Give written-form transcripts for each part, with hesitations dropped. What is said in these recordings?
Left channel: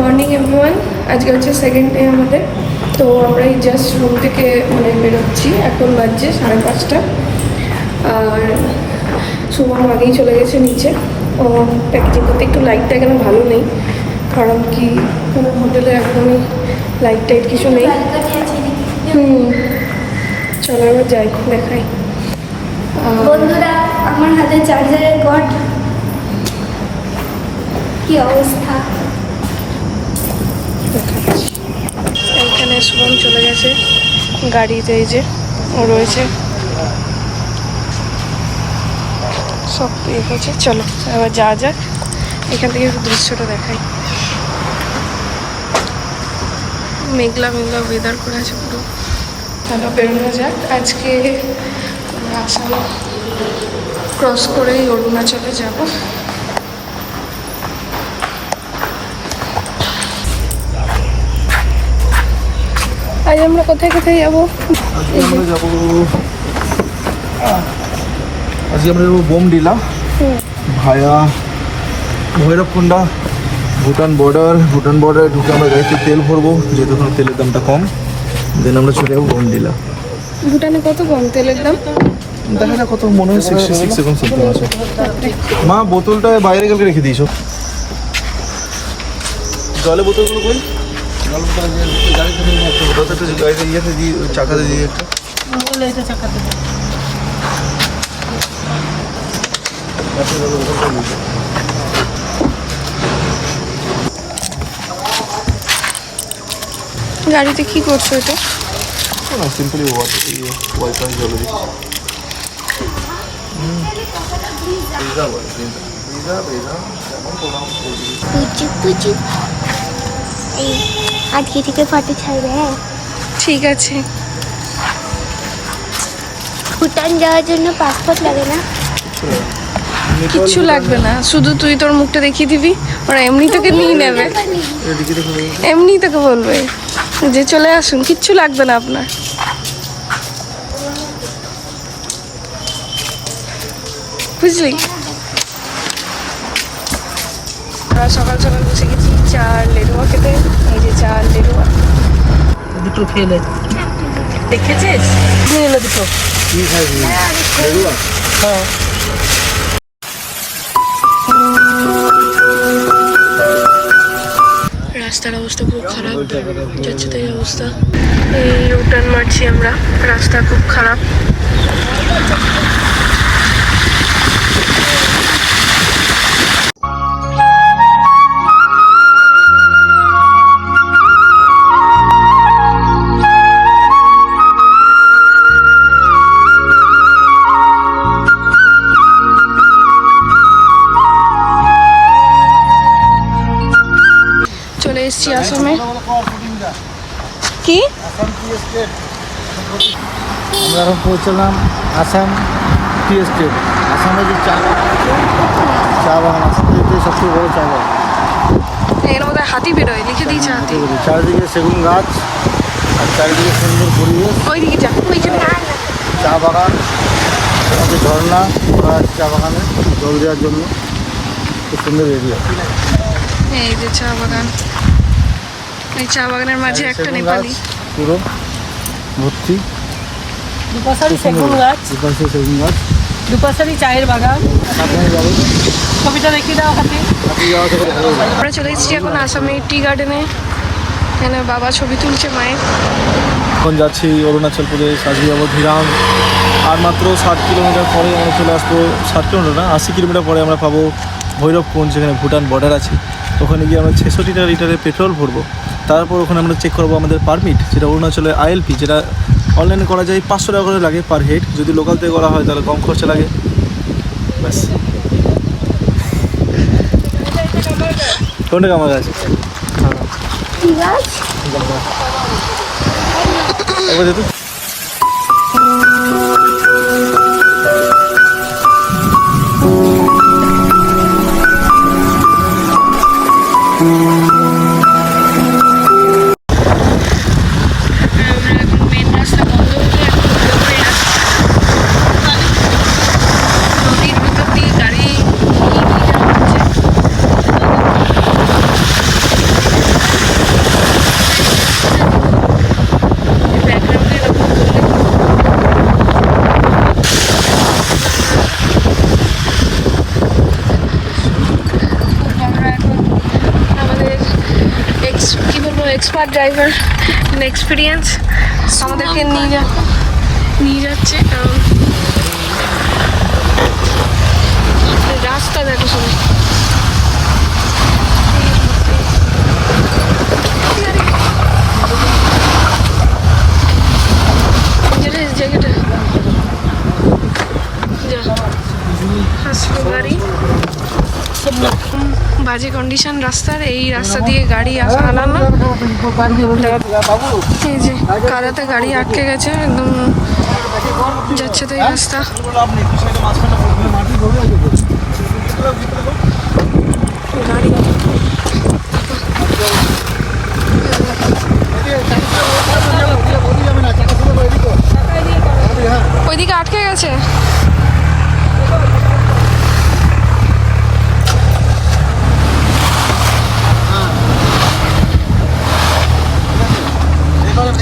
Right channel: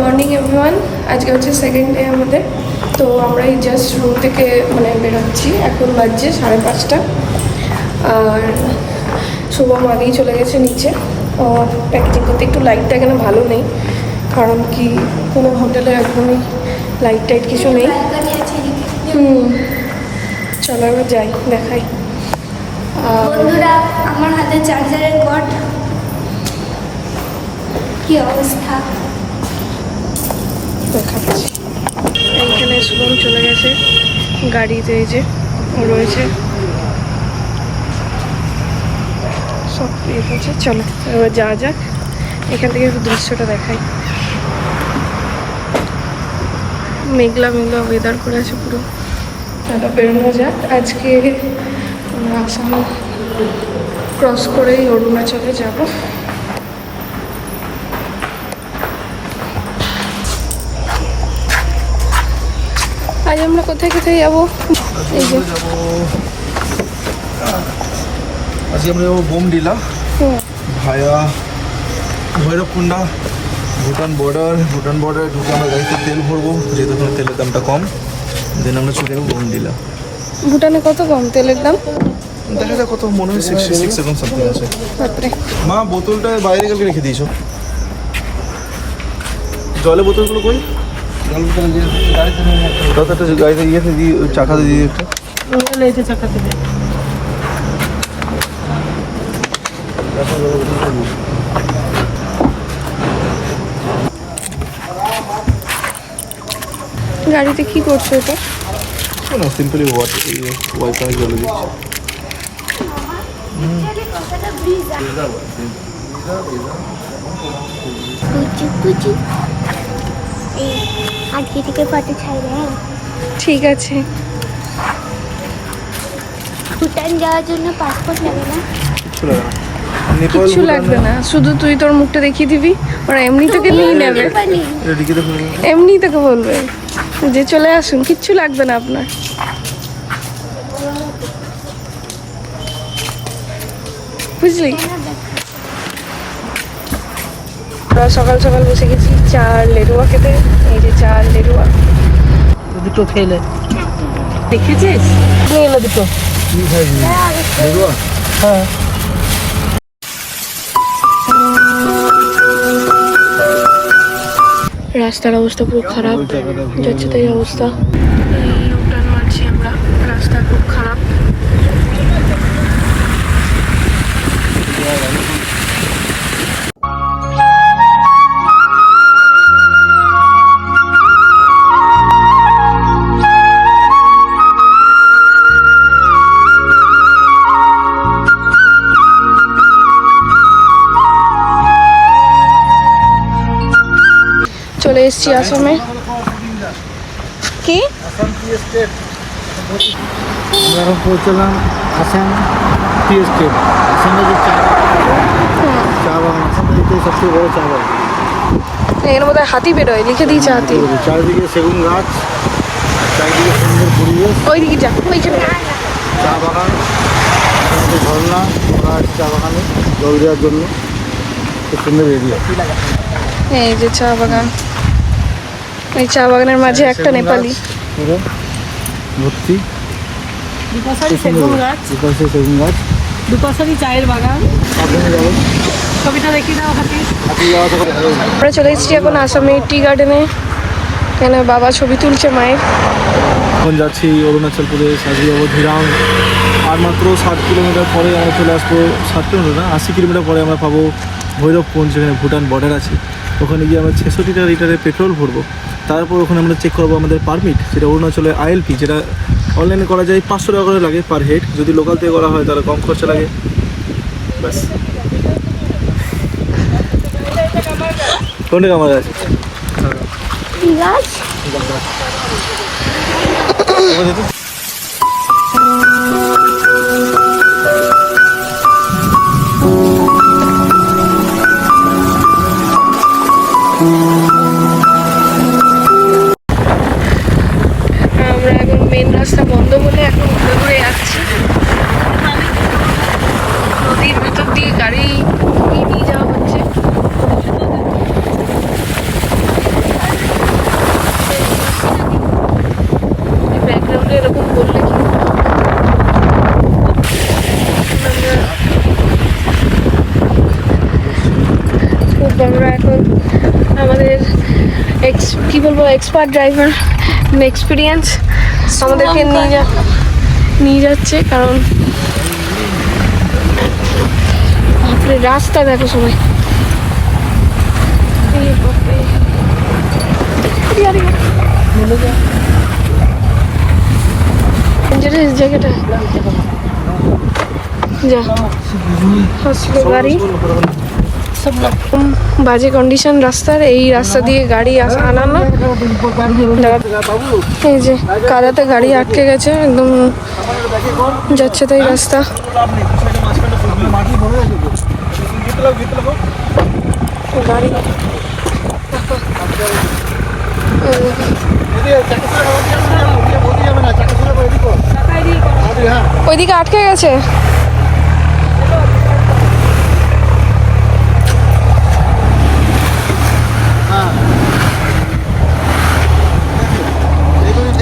Morning everyone. আজকে হচ্ছে second day আমাদের। তো আমরা এই জাস্ট রুম থেকে মানে বেরোচ্ছি, এখন বাজছে 5:30। আর শুভম আগেই চলে গেছে নিচে। ও প্যাকেজিং করতে, একটু লাইটটা এখানে ভালো নেই, কারণ কি কোনো হোটেলে একদমই লাইট টাইট কিছু নেই। চলো এবার যাই, দেখাই। বন্ধুরা, আমার হাতে চার্জারের কর্ড, কি অবস্থা। এখানে শুভম চলে গেছে গাড়িতে, এই যে ও রয়েছে, সব ইয়ে করছে। চলো এবার যাওয়া যাক, এখান থেকে একটু দৃশ্যটা দেখাই। মেঘলা মেঘলা ওয়েদার করে আছে পুরো। চলো বেরোনো যাক। আজকে আমরা আসাম ক্রস করেই অরুণাচলে যাব। আজ আমরা কোথায় কোথায় যাবো? আজকে আমরা যাবো বোমডিলা ভায়া ভৈরবকুন্ডা, ভুটান বর্ডার ঢুকে আমরা গাড়িতে তেল ভরবো, যেহেতু এখন তেলের দামটা কম। দেন আমরা চলে যাবো বোমডিলা। ভুটানে কত কম তেলের দাম? দেখা যাক কত, মনে হয় 66 এখন সামথিং আছে। মা বোতলটা বাইরে গেলে রেখে দিয়েছো, জলের বোতলগুলো কই? জল বোতল যে গাড়িতে ইয়েতে দিয়ে চাকাতে দিয়ে একটা চাকাতে দিয়ে গাড়িতে কি করছো এটা? না, সিম্পলি ওয়াইফাই জলে দিচ্ছি। আজকে থেকে ফটো ছাড়বে। ঠিক আছে। ভুটান যাওয়ার জন্য পাসপোর্ট লাগে না? কিচ্ছু লাগবে না, শুধু তুই তোর মুখটা দেখিয়ে দিবি, ওরা এমনি তোকে নিয়ে নেবে, এমনি তোকে বলবে যে চলে আসুন, কিচ্ছু লাগবে না আপনার। বুঝলি? আমরা সকাল সকাল বসে গেছি চার লেরুয়া খেতে। ওই যে চার লেরুয়া দুটো খেলে দেখেছিস? দুটো হ্যাঁ। রাস্তার অবস্থা খুব খারাপ, যাচ্ছে তাই অবস্থা। এই ইউটার্ন মারছি আমরা, রাস্তা খুব খারাপ। চলে এসছি আসামে। কি আমরা এখন পৌঁছলাম আসাম টি এস্টেট। আসামের যে চা বাগান আছে, এটাই সবচেয়ে বড় চা বাগান। এর মধ্যে হাতি বেরোয়, লিখে দিয়েছে হাতি। চারিদিকে সেগুন গাছ আর চারিদিকে সুন্দর পরিবেশ। ওই দিকে যা, ওই যে চা বাগান, আমাদের ঝর্ণা করা আছে চা বাগানে জল দেওয়ার জন্য, খুব সুন্দর এরিয়া। এই যে চা বাগান, এই চা বাগানের মাঝে একটা নেপালি পুরো ভর্তি। দুপাশারি সেগুন গাছ, দুপাশে সেগুন গাছ, দুপাশারি চায়ের বাগান। সাবধানে যাবেন, ছবিটা দেখে দেওয়া হাতে। হাতি যাওয়া থেকে ভালো লাগে। আমরা চলে এসেছি এখন আসামে টি গার্ডেনে। এখানে বাবা ছবি তুলছে মায়ের। এখন যাচ্ছি অরুণাচল প্রদেশ, আজকে যাবো ধিরাং। আর মাত্র 60 কিলোমিটার পরে আমরা চলে আসবো, 60 কিলোমিটার না 80 কিলোমিটার পরে আমরা পাবো ভৈরবকুণ্ড, যেখানে ভুটান বর্ডার আছে। ওখানে গিয়ে আমরা 66 লিটারের পেট্রোল ভরবো। তারপর ওখানে আমরা চেক করবো আমাদের পারমিট, যেটা অরুণাচলের ILP, যেটা অনলাইনে করা যায় 500 টাকা করে লাগে পার হেড। যদি লোকাল থেকে করা হয় তাহলে কম খরচা লাগে। বাস, কোনটা আমার আছে এক্সপার্ট ড্রাইভার, এক্সপিরিয়েন্স আমাদেরকে নিয়ে যাচ্ছে, কারণ রাস্তা দেখো শুনে জায়গাটা যা আসলো গাড়ি, বাজে কন্ডিশন রাস্তার। এই রাস্তা দিয়ে গাড়ি আনানো, এই যে কাদাতে গাড়ি আটকে গেছে একদম, যাচ্ছে তো এই রাস্তা। গাড়ি ওইদিকে আটকে গেছে।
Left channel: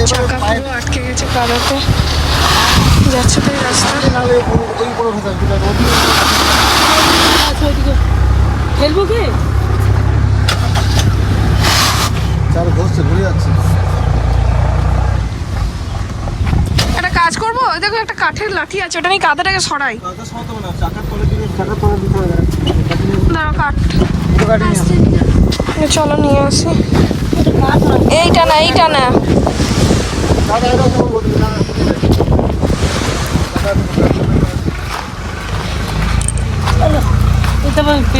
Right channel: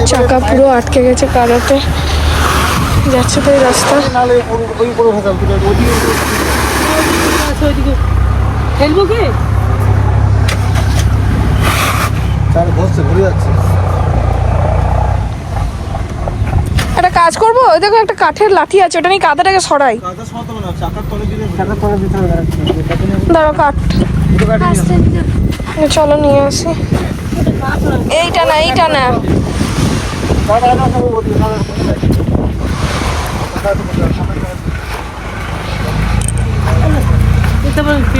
চাকা পুরো আটকে গেছে কাদাতে, যাচ্ছে তো এই রাস্তা। খেলবো কি? একটা কাজ করবো, ওই দেখো একটা কাঠের লাঠি আছে, ওটা নিয়ে কাদাটাকে সরাই। দাঁড়াও কাঠ, চলো নিয়ে আসি। এইটা না, এইটা না,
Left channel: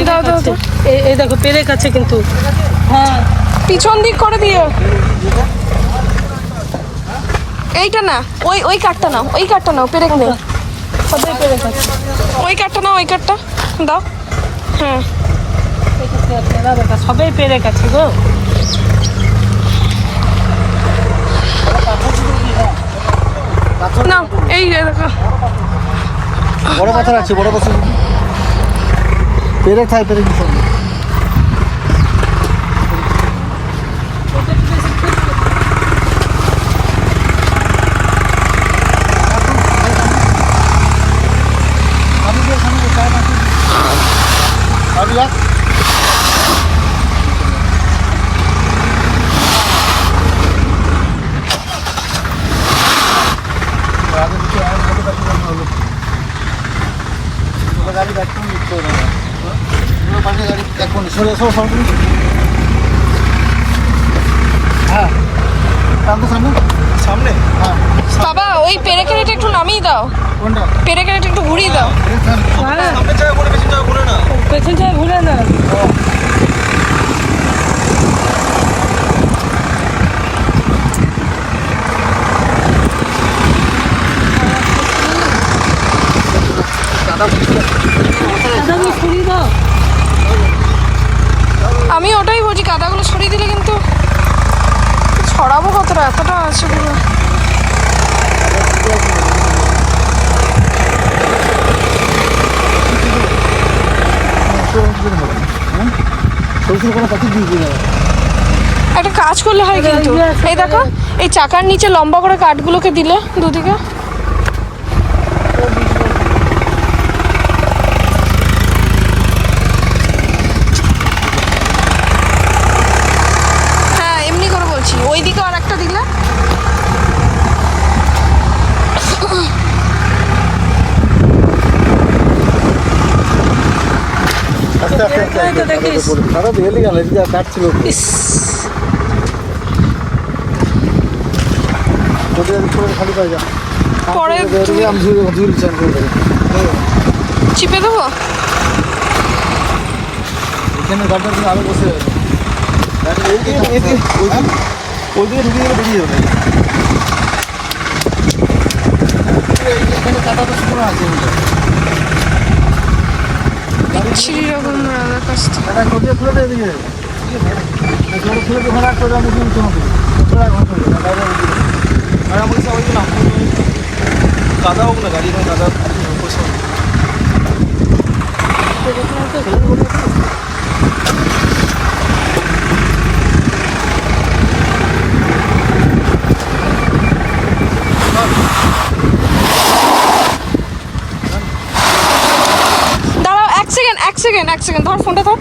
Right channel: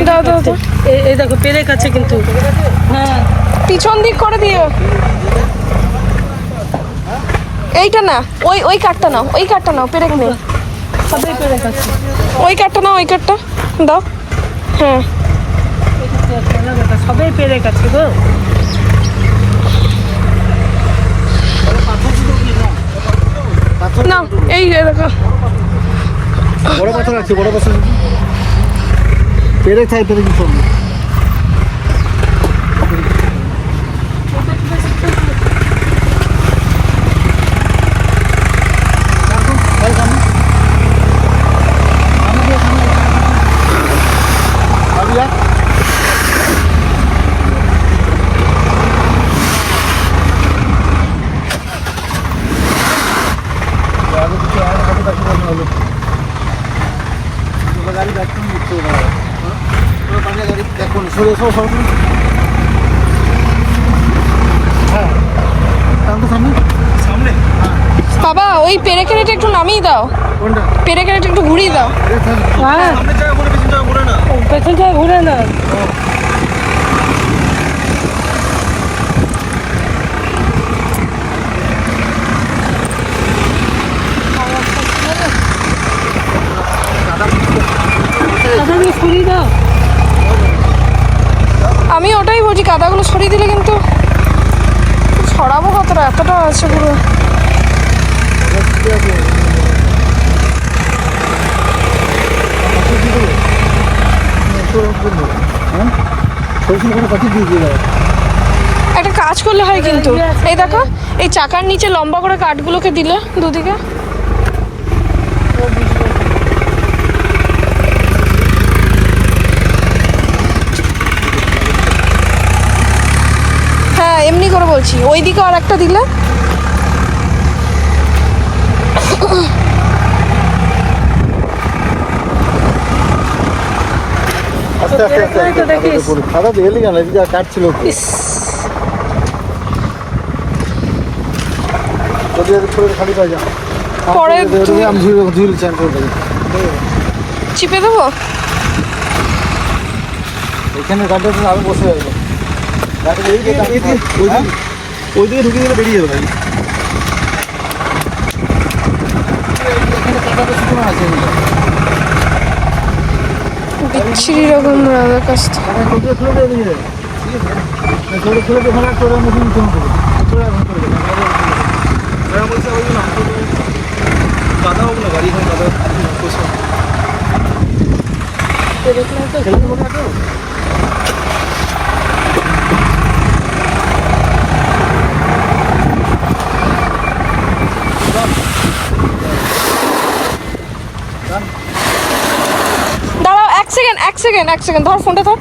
দাও দাও দাও। এই দেখো পেরেক আছে কিন্তু, হ্যাঁ পিছন দিক করে দিও। এইটা না, ওই ওই কাঠটা নাও, ওই কাঠটা নাও, পেরেক নেই। সবাই পেরেক আছে। ওই কাঠটা নাও, ওই কাঠটা দাও। হ্যাঁ সবাই পেরেক আছে গো। না এই দেখো বড় পাথর আছে, বড় বসে পেরেক থাকে, পেরেক দিতে হবে। বাবা ওই পেরেকের এটা একটু নামিয়ে দাও, পেরেকের এটা একটু ঘুরিয়ে দাও। হ্যাঁ পেছন থেকে ঘুরে না। দাদাগুলো সরিয়ে দাও। আমি ওটাই বলছি, কাদাগুলো সরিয়ে দিলে কিন্তু ছড়াবো কতটা, এতটা আছে পুরো। একটা কাজ করলে হয় কিন্তু, এই দেখো এই চাকার নিচে লম্বা করে কাঠগুলোকে দিলে দুদিকে, হ্যাঁ এমনি করে বলছি, ওই দিকে আর একটা দিলে। কাটছিল পরে চিপে দেবো। এখানে ঘাটে আমি বসে ওইদিকে ঢুকে গেলে বেরিয়ে যাবে। এখানে কাটাটা শুকনো আছে, বিচ্ছিরি রকম রাজার কাছ থেকে। কাটা খুলে খুলে দিয়ে দিকে জোরে খুলে তো ওখানে একটা মুখে নিতে হবে, ওরা ঘর করে দেবেন সারা পয়সা ওই জন্য আসলে তুমি কাদা হোক না গাড়ি, এখানে কাদা পয়সা দাঁড়াও এক সেকেন্ড ধর ফোনটা ধর।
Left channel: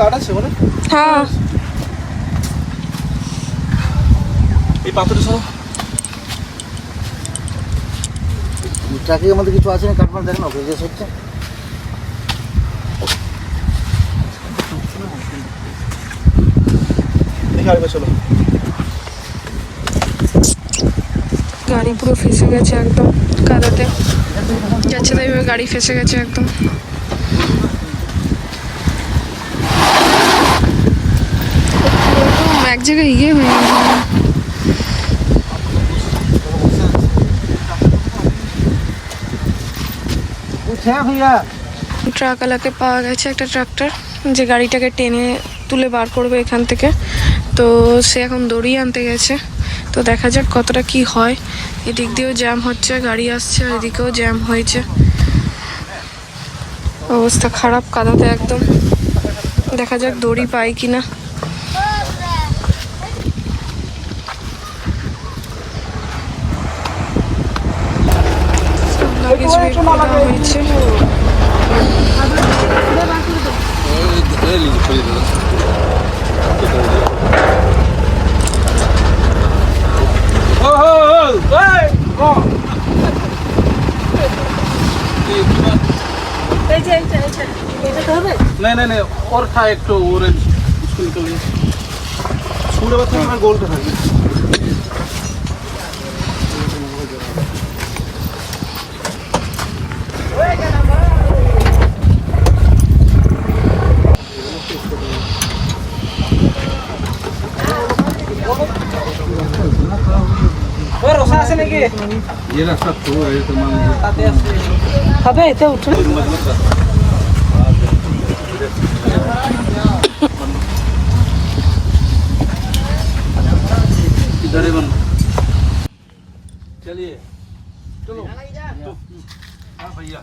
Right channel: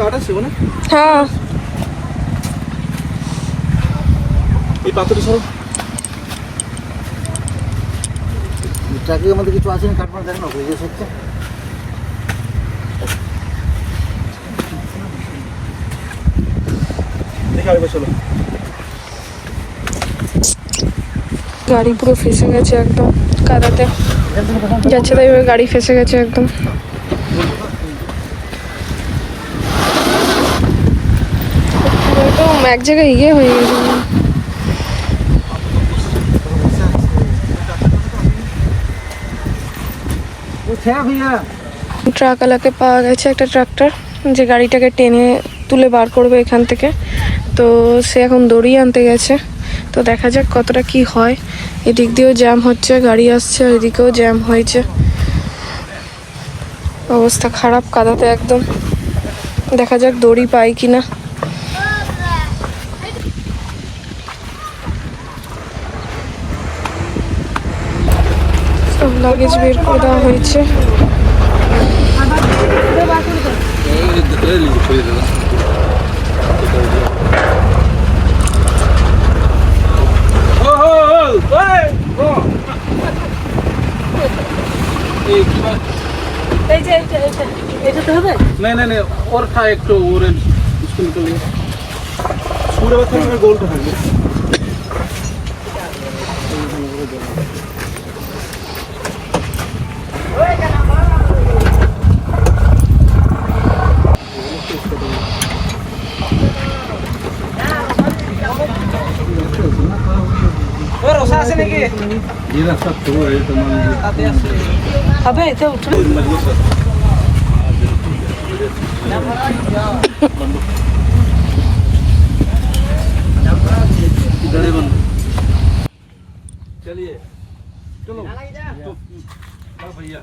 কাঠ আছে বলো? হ্যাঁ এই পাথরটা সরো। ট্রাকের মধ্যে কিছু আছে না, তারপর দেখো না জিজ্ঞেস হচ্ছে। দেখি আরেকবার চলো। গাড়ি পুরো ফেসে গেছে একদম কাদাতে, যাচ্ছে তাই ভাবে গাড়ি ফেসে গেছে একদম। একদম এক জায়গায় ইয়ে হয়ে গেছে। ট্রাকওয়ালাকে পাওয়া গেছে, একটা ট্রাক্টর যে গাড়িটাকে টেনে তুলে বার করবে এখান থেকে। তো সে এখন দড়ি আনতে গেছে, তো দেখা যাক কতটা কি হয়। এদিক দিয়েও জ্যাম হচ্ছে, গাড়ি আসছে, আর এদিকেও জ্যাম হয়েছে। অবস্থা খারাপ কাদাতে একদম। দেখা যাক দড়ি পাই কিনা। সব লাগেজ বের করে দেওয়া হয়েছে। এটাতে হবে? नहीं नहीं नहीं और था एक तो ऑरेंज इसको निकल गया पूरा बच्चा हमारा गोल था ये और রসা আছে নাকি? ये ना सब तो है तमाम হবে এটা উঠবে। इधर है बंद चलिए चलो हाँ भैया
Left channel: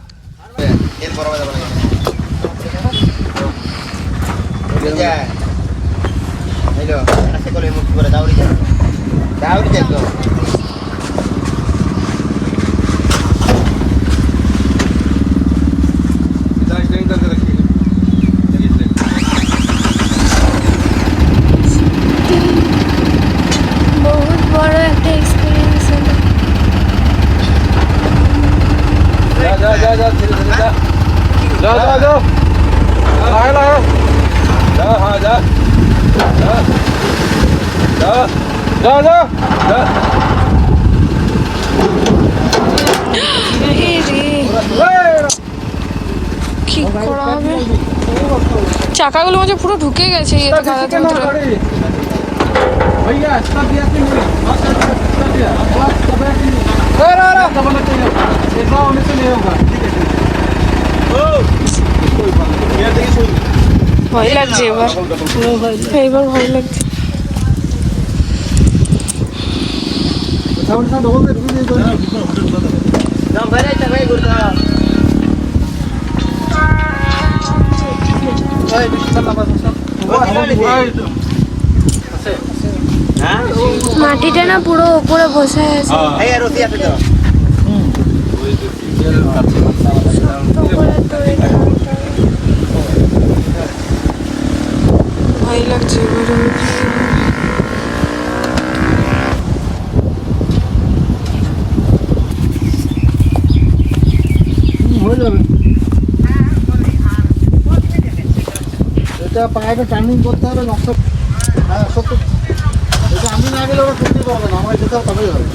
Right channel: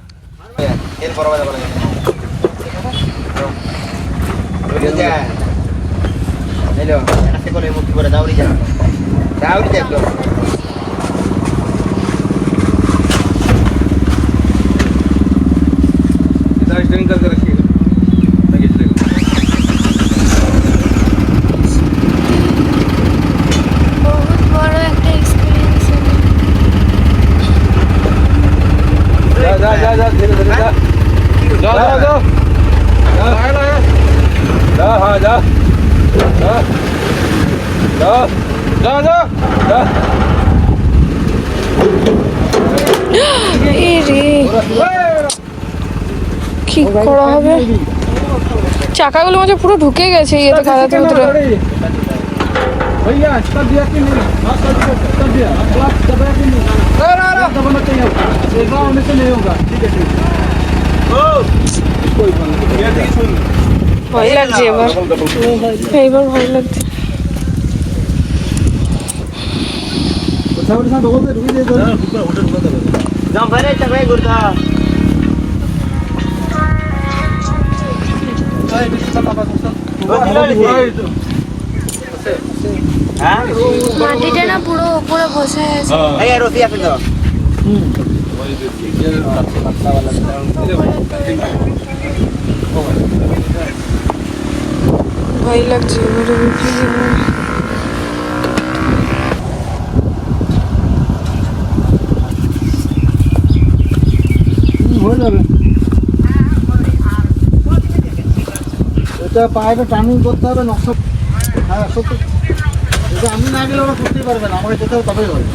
इधर एक्सटेंड करके रखिएगा लगेज लेगा বহুত বড় একটা এক্সপিরিয়েন্স হলো। जा जा जा जा धीरे धीरे जा जा जा जा जा ला जा हाँ जा जा जा जा जा जा এ রে, কি করা হবে? চাকাগুলো মাঝে পুরো ঢুকে গেছে ইয়েতে কাদাতে ভিতরে। भैया कर दिया कि नहीं हाँ कर दिया क्लास दबाया कि नहीं दबाना चाहिए ऐसा होने से नहीं होगा ठीक है कोई बात नहीं ये देखो ভয় লাগছে এবার, এইবার ভয় লাগছে। सामने साथ होते रुके दे ना बुक होटल बता दे जाओ बैठे चल भाई गुरदा भाई डिस्कशन ना बस हां মাটিটা না পুরো উপরে বসে আছে। हां এই রোটি আছে তো ভয় লাগছে এবার। হয়ে যাবে। এটা পায়ে টার্নিং করতে হবে না, এটা আমি না গেলে ওরা করতেই পারবে না, আমরা যেতে হবে তবেই হবে।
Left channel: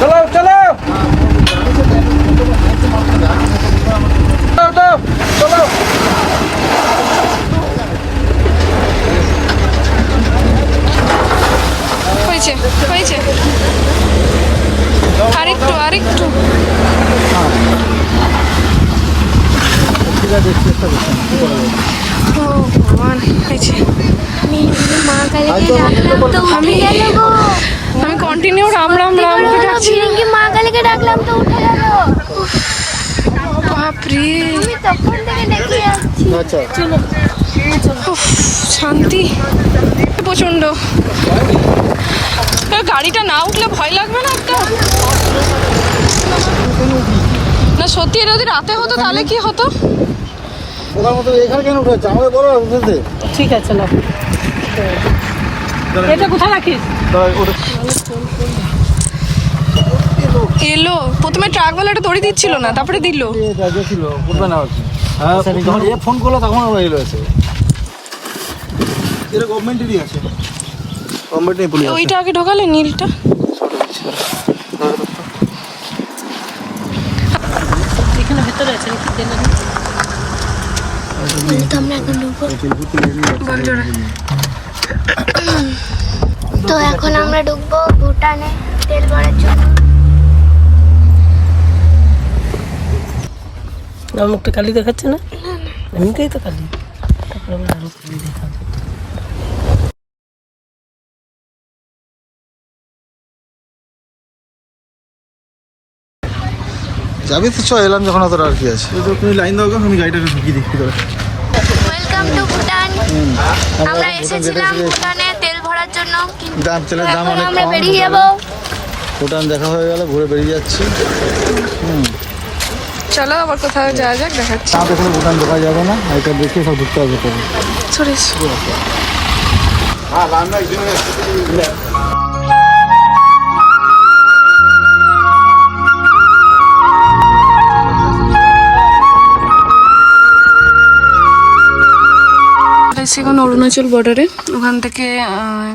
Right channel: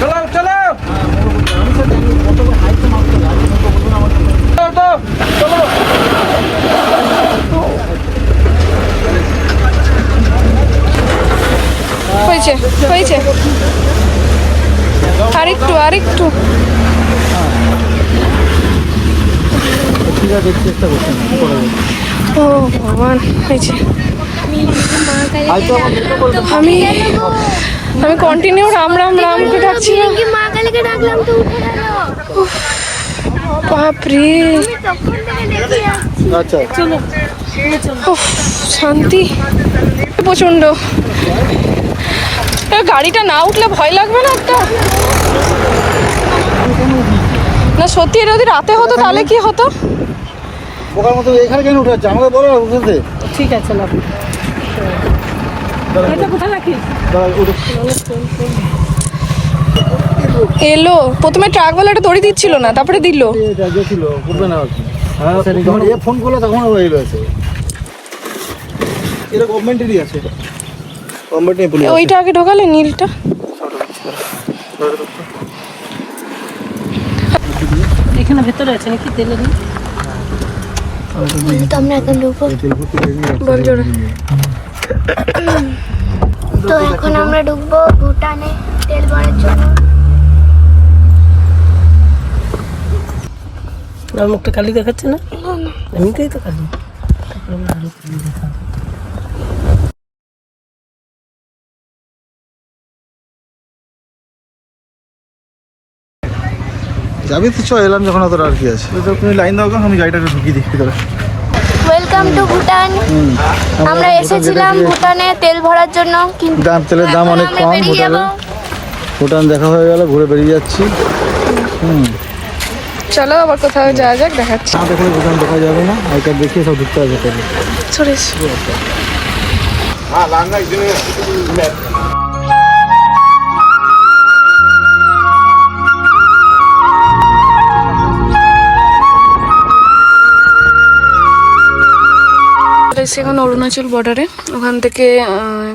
चलो चलो হয়েছে হয়েছে, আরেকটু আরেকটু। ঠিক আছে চেষ্টা করছি কি করা যায়। ও ভগবান, হয়েছে। হয়তো আমার মেয়েকে বলবো আমি আমি কন্টিনিউ রাম রাম রাম করে ডাকছিলাম। কি মা কালীকে ডাকলাম তো উঠে গেল। বাপরে, আচ্ছা উফ, শান্তি প্রচন্ড। গাড়িটা না উঠলে ভয় লাগবে না একটা? কেন উঠিয়েছি না সত্যি এটা যদি রাতে হতো তাহলে কি হতো? ওখান মতো এখানে কেন উঠে যাচ্ছে আমাকে বলো না উঠতে। ঠিক আছে না এটা কোথায় রাখিস? এলো প্রথমে ট্রাকওয়ালাটা দড়ি দিচ্ছিল না, তারপরে দিল। ছিল উঠবে না হচ্ছে। হ্যাঁ যখন এ ফোন করলো তখন হয়ে গেছে। এটা গভর্নমেন্টেরই আছে, গভর্নমেন্টের পুলিশ। ওইটা আগে ঢোকালে নীলটা। এখানে ভেতরে আছে নাকি তেল? আমরা এখন ঢুকবো। বল জোরে। তো এখন আমরা ঢুকবো ভুটানে তেল ভরার জন্য। আমার মুখটা কালি দেখাচ্ছে না? এমনিতেই তো কালি। তারপরে আমরা আরো কালি দেখাবো। যাবি তো চ, এলাম যখন অতটা আর কি আছে। তো তুমি লাইন দাও, আমি গাড়িটাকে ঢুকিয়ে দেখি। Welcome to Bhutan. আমরা এসেছিলাম ভুটানে তেল ভরার জন্য, কিন্তু তেলের দাম এখন অনেক আমরা কম বেরিয়ে যাবো। ভুটান দেখা হয়ে গেল, ঘুরে বেরিয়ে যাচ্ছি। চলো আবার কোথাও যাওয়া যাক, দেখাচ্ছি। না দেখলে ভুটান দেখা যাবে না, আই কার্ড দেখিয়ে সব ঢুকতে হবে তবে। সরে এখন অরুণাচল বর্ডারে, ওখান থেকে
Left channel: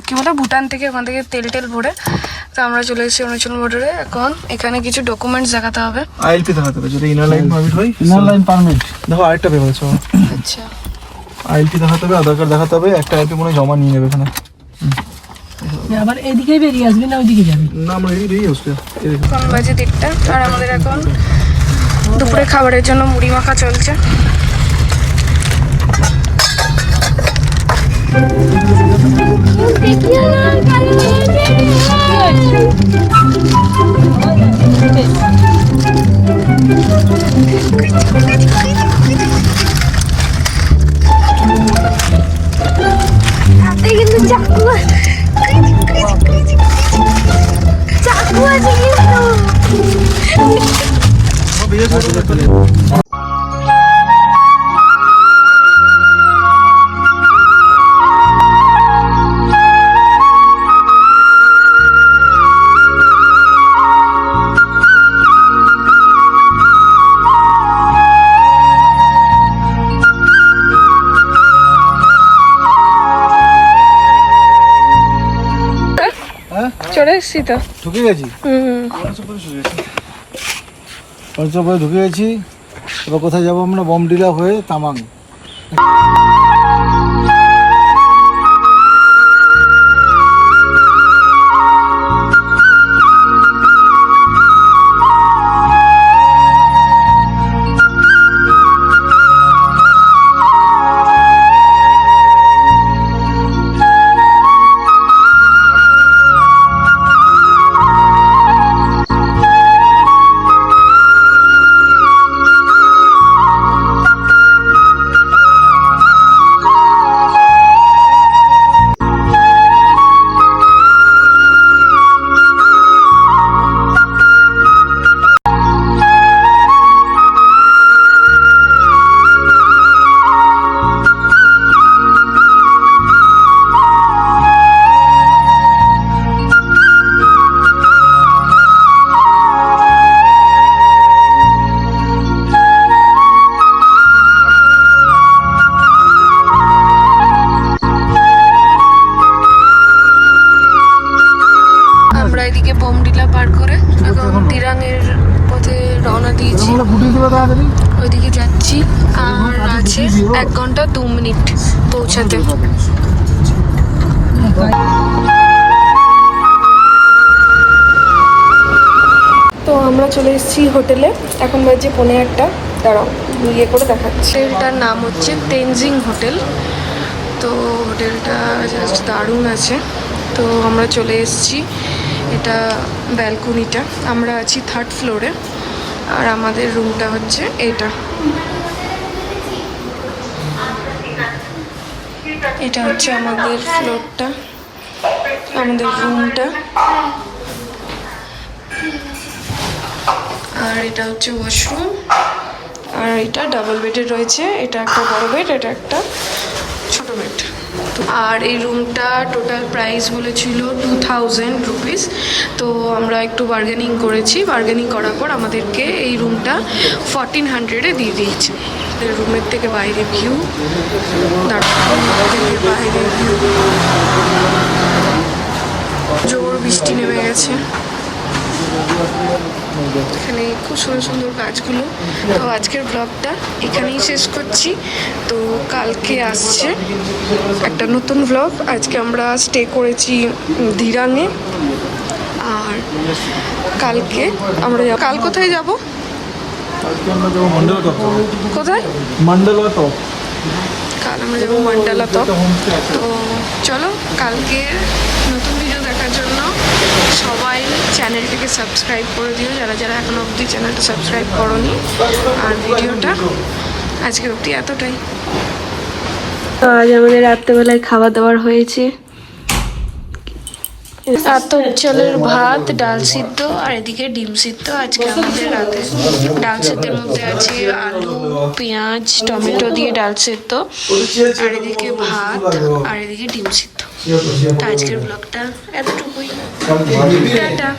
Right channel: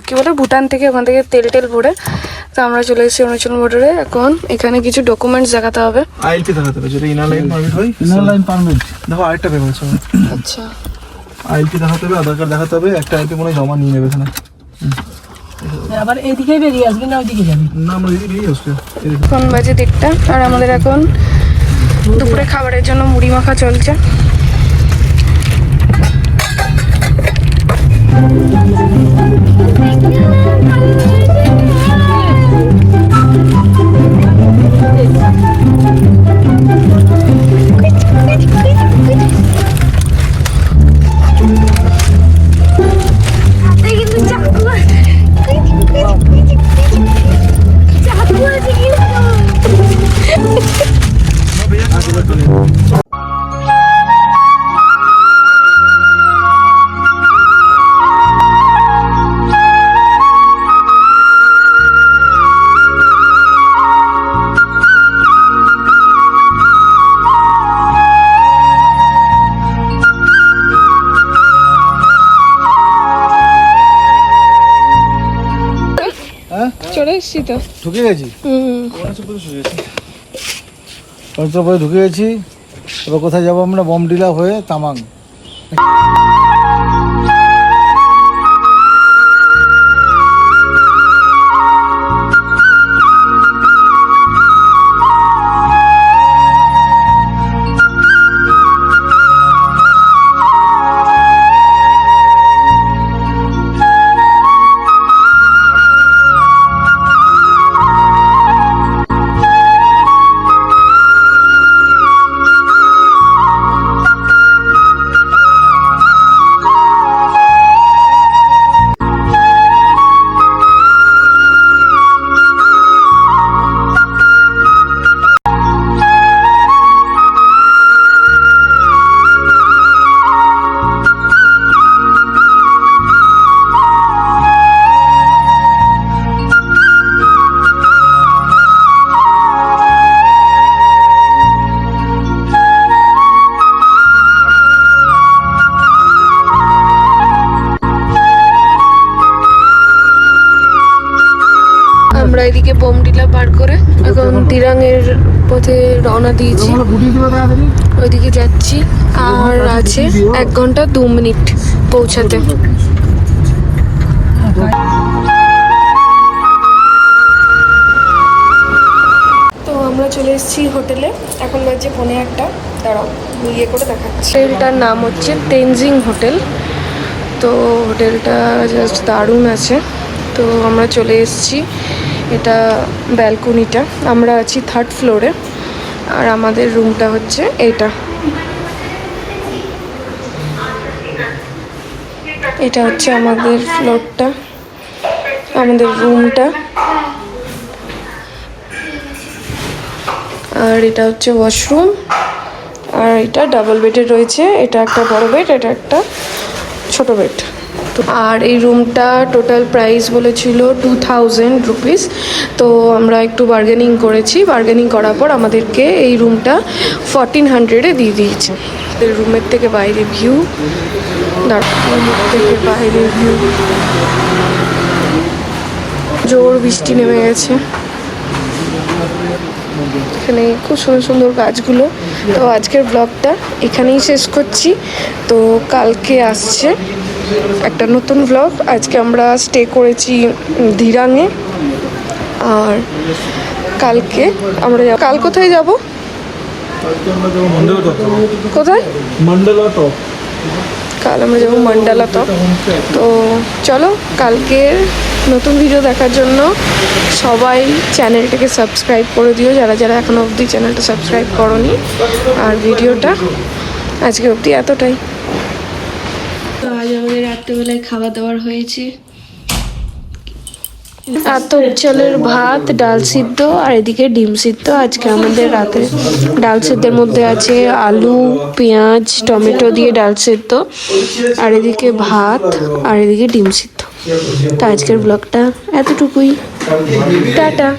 কি বলে ভুটান থেকে, ওখান থেকে তেল ভরে তো আমরা চলে এসেছি অরুণাচল বর্ডারে। এখন এখানে কিছু ডকুমেন্টস দেখাতে হবে। আইএলপি দেখাতে হবে, যদি ইনার লাইন পারমিট হয়। ইনার লাইন পারমিট দেখো আরেকটা পেপার আছে, আচ্ছা, আইএলপি দেখাতে হবে, আধার কার্ড দেখাতে হবে, একটা আইএলপি মনে হয় জমা নিয়ে নেবে এখানে। আবার এদিকেই বেরিয়ে আসবি না ওইদিকে যাবি? না আমরা এদিকেই আসবে। এখন বাজে 1:30 আর আমাদের এখন দুপুরে খাবারের জন্য মুড়ি মাখা চলছে। চলে এসছি তো, ঢুকে গেছি। পঞ্চপদে ঢুকে গেছি। এবার কোথায় যাবো আমরা? বমডিলা হয়ে তামাং। এদিকে বোমডিলা পার করে এবং দিরাংয়ের পথে রওনা দিয়েছি, ওইদিকে যাচ্ছি। আর আছে 1 ঘন্টা 2 মিনিট পৌঁছাতে। তো আমরা চলে এসেছি হোটেলে, এখন বাজে 1:45। দাঁড়াও ইয়ে করে দেখাচ্ছি। হোটেলটার নাম হচ্ছে তেনজিং হোটেল। তো হোটেলটা জাস্ট দারুণ আছে। তো আমরা চলে এসেছি, এটা ব্যালকনিটা, আমরা আছি 3rd ফ্লোরে আর আমাদের রুমটা হচ্ছে এটা। এটা হচ্ছে আমাদের ফ্লোরটা, আমাদের রুমটা। আর এটা হচ্ছে ওয়াশরুম, আর এটা ডাবল বেডের রয়েছে। এটা একটা বড় বেড, এটা একটা ছোট বেড। আর এই রুমটা টোটাল প্রাইস বলেছিল 2000 রুপিস। তো আমরা একটু বার্গেনিং করেছি, বার্গেনিং করার পর আমাদেরকে এই রুমটা 1400-এ দিয়ে দিয়েছে। রুমের থেকে বাইরে ভিউ, রুমের থেকে বাইরে ভিউ, জোর বৃষ্টি নেমে গেছে। এখানে খুব সুন্দর সুন্দর গাছগুলো। তো আজকের ব্লগটা এখানেই শেষ করছি। তো কালকে আসছে একটা নতুন ব্লগ। আজকে আমরা স্টে করেছি দিরাঙে, আর কালকে আমরা কাল কোথায় যাব? কোথায়? মন্ডলা টপ। কাল আমরা যাবো মন্ডলা টপ। তো চলো, কালকের নতুন ভিডিও দেখার জন্য সবাই চ্যানেলটাকে সাবস্ক্রাইব করে দিও, যারা যারা এখনো অবধি চ্যানেলটা সাবস্ক্রাইব করোনি। আর ভিডিওটা আজকে অবধি এতটাই। আজ আমাদের রাত্রেবেলায় খাওয়া দাওয়ার হয়েছে আতপ চালের ভাত, ডাল সিদ্ধ, আর এদিকে ডিম সিদ্ধ। আজকে আমাদের রাতে ডাল সিদ্ধের মধ্যে আছে আলু, পেঁয়াজ, টমেটো দিয়ে ডাল সিদ্ধ, আর এদিকে ভাত, আর এদিকে ডিম সিদ্ধ। তো আজকের ব্লগটা এতটুকুই। টাটা।